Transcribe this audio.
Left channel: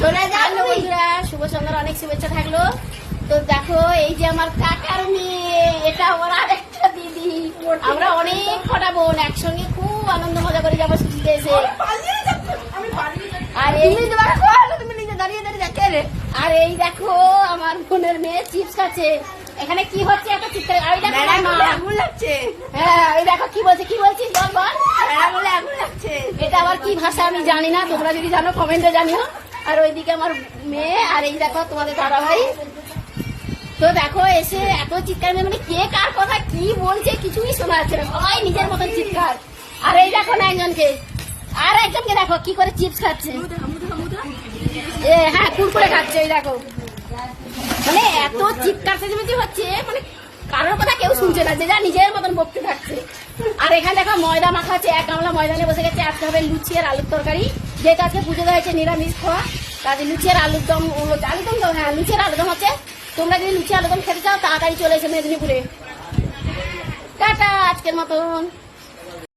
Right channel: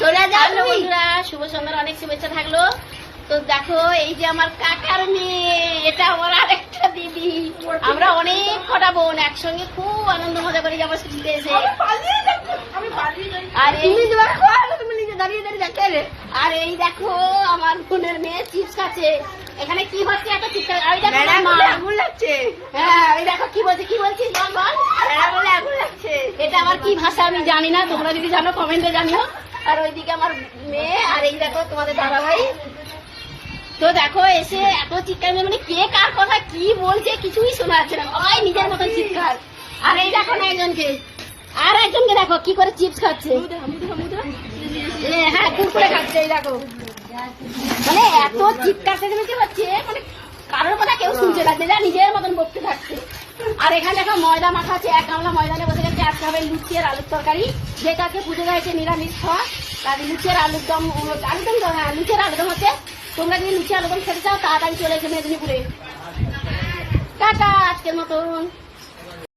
চলে হ্যালো যাও বন্ধুরা, শুভ সন্ধ্যার অনেক শুভেচ্ছা থাকলো। তো দেখো, এই যে আমার কাকার মেয়ে, এটা আমার আরেকটা দিদি। আমরা অনেক কটা বোন একসঙ্গে খুব আনন্দ মজা করে যাবো ছুটিতে এসে। আর তুমি তুমি নিজে দাঁড়িয়ে দাঁড়িয়ে দেখে রে। আর এই দেখো আমার বোনের মেয়ে চিপস খাচ্ছে। এখানে কি হচ্ছে এত চিৎকার? ওই দেখো ম্যাডাম আমার বলে মা। আগুন লাগছে। হ্যাঁ, ওই দেখো কি বলছে, কি বলছিস বল বল। ম্যাডাম বলে আগুন লাগছে। এটা আবার কি ভাষা আমি জানি না, তোমরা যদি জানো কমেন্টে জানিও। আর ওইদিকে আমার মেয়ে, আর এই দেখো তোমাদের দাদাভাই। তো দেখো এসে এত চিৎকার, মানে কে কার কথা কি বলছে কিছুই শোনা যাচ্ছে না, সবাই নিজের মতন চিৎকার। আর এই দেখো না একজনকে, আর একজনকে দেখো কি করে চিপস খাচ্ছে। হ্যাঁ, কুরকুরে খাচ্ছে, ওই দেখো। মানে এত চিৎকার চেঁচামেচি হচ্ছে, মানে কারোর কথা কেউ শুনছে না, যে যা নিজের মতন বকতে থাকছে। আর এখানে দেখো ময়দা মাখা আছে, এক গামলা ময়দানে বসে গেছে। আজকে হবে লুচি আর আলুর তরকারি, যেটা আজকে পুজো হয়েছে নিরামিষ খাওয়া। তার লুচি আর আলুর দম, আলুদম তো, হ্যাঁ লুচি আর আলুদম হচ্ছে। তোমরা যদি লুচি আলুদম খেতে চাও তাড়াতাড়ি চলে এসে মেদিনীপুরে। টাটা আজকের মতন।